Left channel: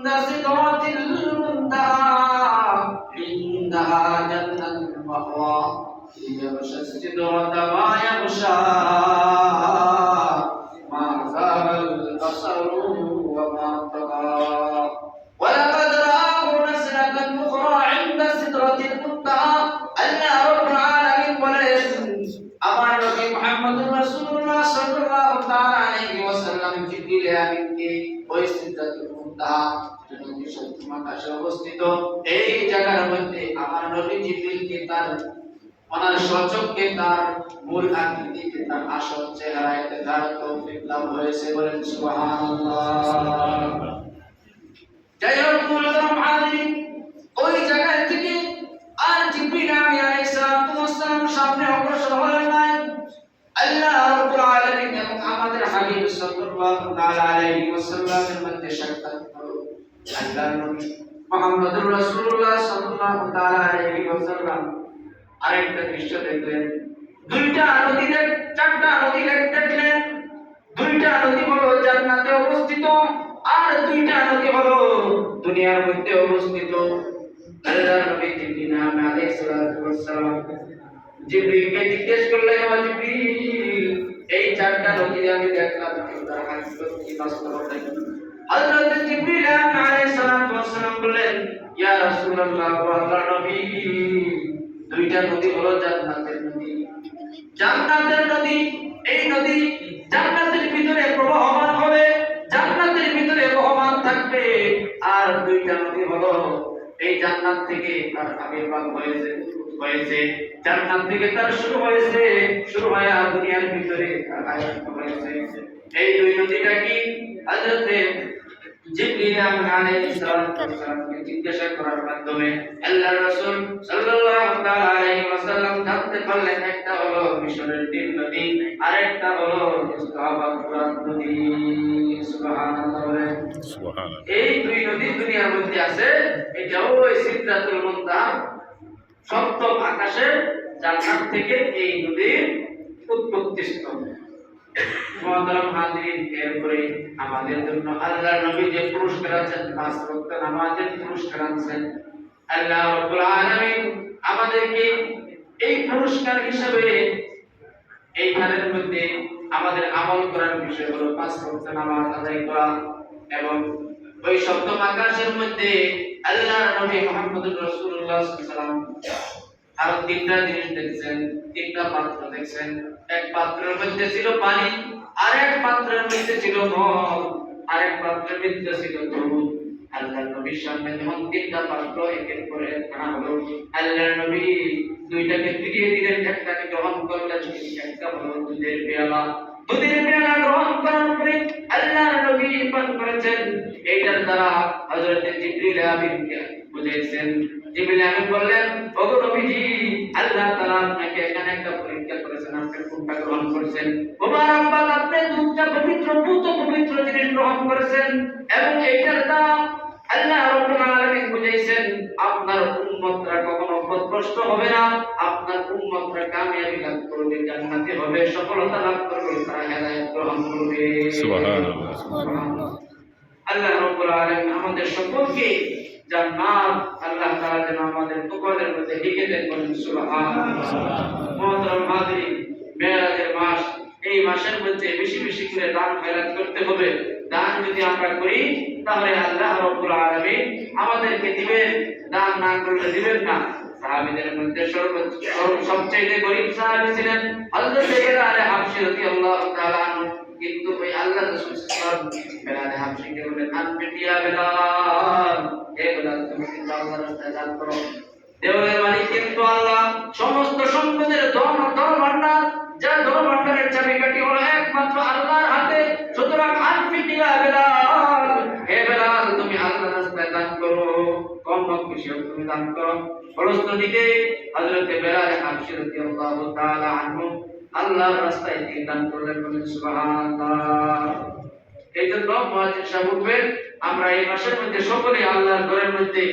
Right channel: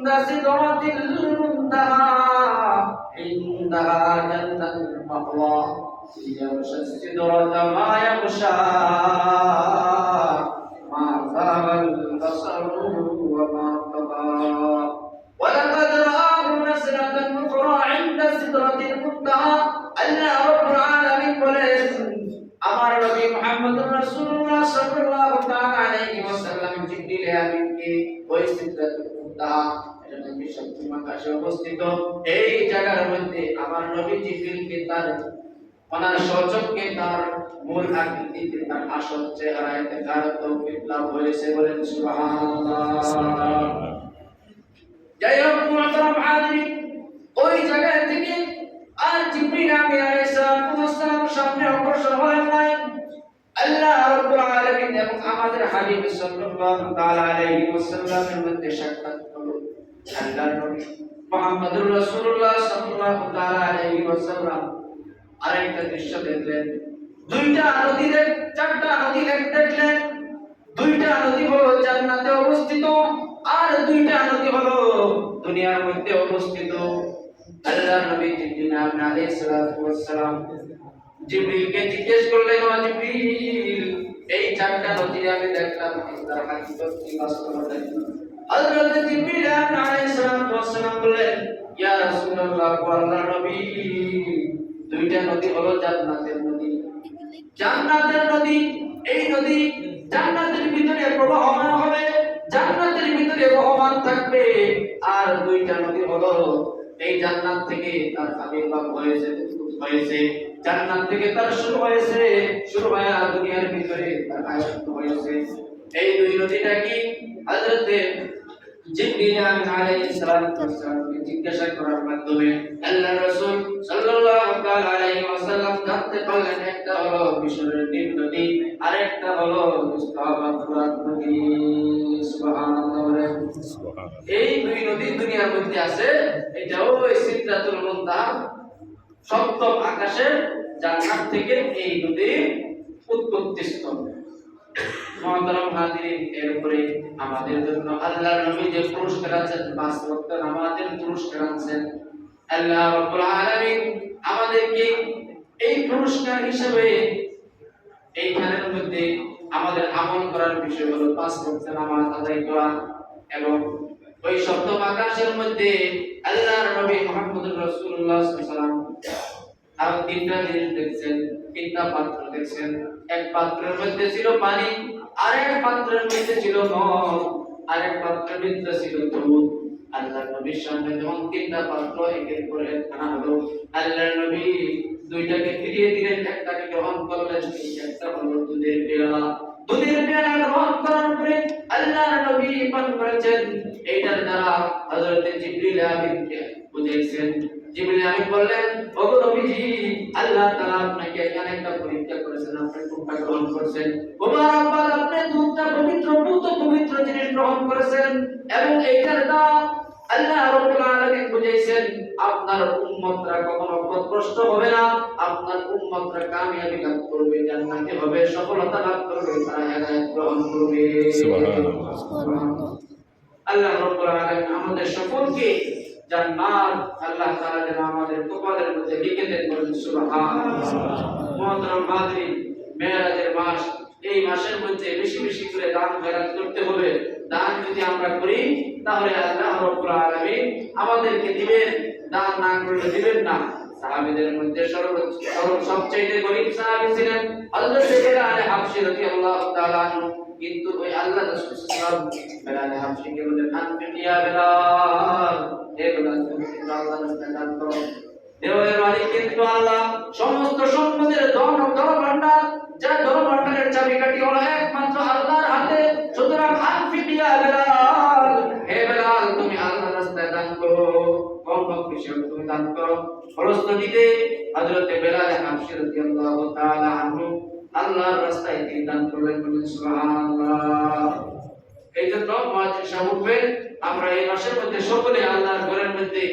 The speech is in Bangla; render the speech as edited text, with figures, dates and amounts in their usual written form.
সিদরাতিল মুনতাহা ইনদাহা জান্নাতুল মাওয়া ইয়াগশা সিদরাতা মা ইয়াগশা মা যাগাল বাসারু ওয়া মা তাগা ওয়ালাকাদ রাআহু নাজলাতান উখরা ইনদা সিদরাতিল মুনতাহা আল্লাহ রাব্বুল আলামিন বলেন আমার নবী মুহাম্মদুর রাসূলুল্লাহ সাল্লাল্লাহু তাআলা আলাইহি ওয়াসাল্লাম জিবরিল আমিনকে ওই সিদরাতুল মুনতাহা নবী সপ্তম আকাশে অবস্থিত এই জায়গার মধ্যে আমার নবী জিবরিলকে তার ওনার সচক্ষে তার মূল আকৃতিতে তার আসল চেহারায় দেখার তৌফিক লাভ হয়েছে বলেন সুবহানাল্লাহ। যাই হোক মুহতারাম হাজিরিন, ওই জায়গা থেকে আর জিবরিল আমিন আলাইহিস সালাম সামনে অগ্রসর হলেন নাই। আল্লাহ রাব্বুল আলামিন এবং আমাদের হাবিব সাল্লাল্লাহু তাআলা আলাইহি ওয়াসাল্লামের মধ্যে সাক্ষাৎ হলো। আল্লাহর নবী মুহাম্মদুর রাসূলুল্লাহ সাল্লাল্লাহু তাআলা আলাইহি ওয়াসাল্লাম আরেকটা দৃশ্য দেখলেন। দুইটা নদী চারটা নদী দেখলেন। দুইটা নদী হলো জান্নাতে অবস্থিত আর দুইটা নদী হলো দুনিয়ার মধ্যে অবস্থিত। আল্লাহর নবী জিবরিল আলাইহিস সালাম জিবরিলকে জিজ্ঞেস করলেন, ও জিবরিল, এই চারটা নদী আমি দেখলাম, তার হাকিকত কি, বাস্তবতা কি? হযরত জিবরিল আলাইহিস সালাম বললেন, ইয়া রাসূলুল্লাহ, আল্লাহর নবী, দুইটা নদী হলো জান্নাতের নদী। জান্নাতের নদী, এই নদী জান্নাতের ভিতরে প্রবাহমান হবে, জান্নাতের ভিতরে বহমান থাকবে। আর দুইটা নদী হলো এই জান্নাত থেকে তার আবির্ভাব হয়েছে, জান্নাত থেকে তার শুরু হয়েছে, শুরু হয়ে দুনিয়ার ভিতরে তার আয়াত হয়েছে। এই দুই নদীটা কি? হযরত জিবরিল আলাইহিস সালামকে জিজ্ঞাসা করার মাধ্যমে আল্লাহর রাসূল সাল্লাল্লাহু তাআলা আলাইহি ওয়াসাল্লাম জানতে পারলেন, একটা হলো মিশরের নীল নদী, আরেকটা হলো ইসলামাবাদ ফুরাত নদী। সুবহানাল্লাহ, সুবহানাল্লাহ। এই দুই নদী দুনিয়ার মধ্যে আছে। এটাও ওই সিদরাতুল মুনতাহা সপ্তম আকাশের জান্নাত থেকে এই নদীর উৎপত্তি স্থল। মুহতারাম হাজিরিন, এরপরে আমাদের জন্য আল্লাহর নবী যে পুরস্কার আছেন, পাঁচ ওয়াক্ত নামাজের পুরস্কার আছেন, আল্লাহ রাব্বুল আলামিন আমাদেরকে এই পুরস্কার হিসেবে এইখানের মধ্যে আমাদের আমল করার বিষয় হলো পাঁচ ওয়াক্ত নামাজ আদায় করা। এবং ওই সপ্তম আকাশের মধ্যে আল্লাহর নবী মুহাম্মদুর রাসূলুল্লাহ সাল্লাল্লাহু আলাইহি ওয়াসাল্লাম আর তিনটা জিনিস দেখছেন, তিনটা পাত্র দেখছেন। এক পাত্রের মধ্যে ছিল পানি, আরেক পাত্রের মধ্যে ছিল মদ, আরেক পাত্রের মধ্যে ছিল দুধ। আল্লাহর নবীর সামনে যখন তিনটা পাত্র একের পর এক আনা হলো, আল্লাহর নবী দুইটাকে ফিরিয়ে দিলেন, একটাকে গ্রহণ করলেন, একটা হলো দুধের পেয়ালা। দুধের পেয়ালা গ্রহণ করার পরে আল্লাহর নবী পান করেছেন। এইটার দ্বারা হযরত জিবরিল আমিনকে বুঝিয়েছেন। জিবরিল আমিন বললেন, ওগো নবীজি, আল্লাহ তাআলা আপনাকে এখানে একটা পরীক্ষা করেছেন, আপনি কোনটা গ্রহণ করেছেন? মুবারক, আপনি দুধটা পবিত্র, পবিত্র জিনিস গ্রহণ করেছেন এবং এইটার দ্বারা আল্লাহ রাব্বুল আলামিন বুঝাইছেন আপনার উম্মতরা কখনো পথভ্রষ্ট হবে না, আপনার উম্মতরা কামিয়াবি লাভ করবে, জান্নাতে হবে, সফলতা লাভ করবে, তারা হেদায়েত গ্রহণ করবে। সুবহানাল্লাহ, সুবহানাল্লাহ। আল্লাহ রাব্বুল আলামিন আমাদের সকলকে জান্নাত আল্লাহ তাআলা যেন আমাদের কপালের মধ্যে লিখে দেন, বলেন সুবহানাল্লাহ। মুহতারাম হাজিরিন, মেরাজের মাস, এই মাসের মধ্যে বেশি বেশি করে দান খয়রাত করতে হবে। দান যদি আমরা করি তাহলে আল্লাহ রাব্বুল আলামিন আমাদেরকে দিবেন, দান না করলে দিবেন না। সাহাবীদের মধ্যে সবচেয়ে গরীব সাহাবী ছিলেন হযরত বেলাল হাবশী রাদিয়াল্লাহু তাআলা আনহু। কিন্তু ওই আল্লাহ রাসূল সাল্লাল্লাহু আলাইহি ওয়াসাল্লাম বেলাল হাবশীকে বললেন, আনফিয়া বেলাল, হে বেলাল, তুমি কিন্তু আল্লাহর রাস্তায় দান করো। দেওয়ালের মালিক কিন্তু আল্লাহ, সমস্ত সম্পদের ধন ভান্ডার, যা ধন ভান্ডারের চাবিকাঠি হলো একমাত্র আল্লাহর হাতে। সুতরাং আনফিয়া বেলাল, হে বেলাল, তুমি আল্লাহর রাস্তায় দান করো, কম হোক বেশি হোক তুমি দান করো। ফলশ্রুতিতে হযরত বেলাল হাবশী রাদিয়াল্লাহু তাআলা আনহু আল্লাহর রাস্তায় তিনি দান করলেন, বলেন সুবহানাল্লাহ। এই জন্য মুয়াজ্জিন সাহেব, আমরা এই মাসের মধ্যে সকলে আল্লাহর ঘরের মধ্যে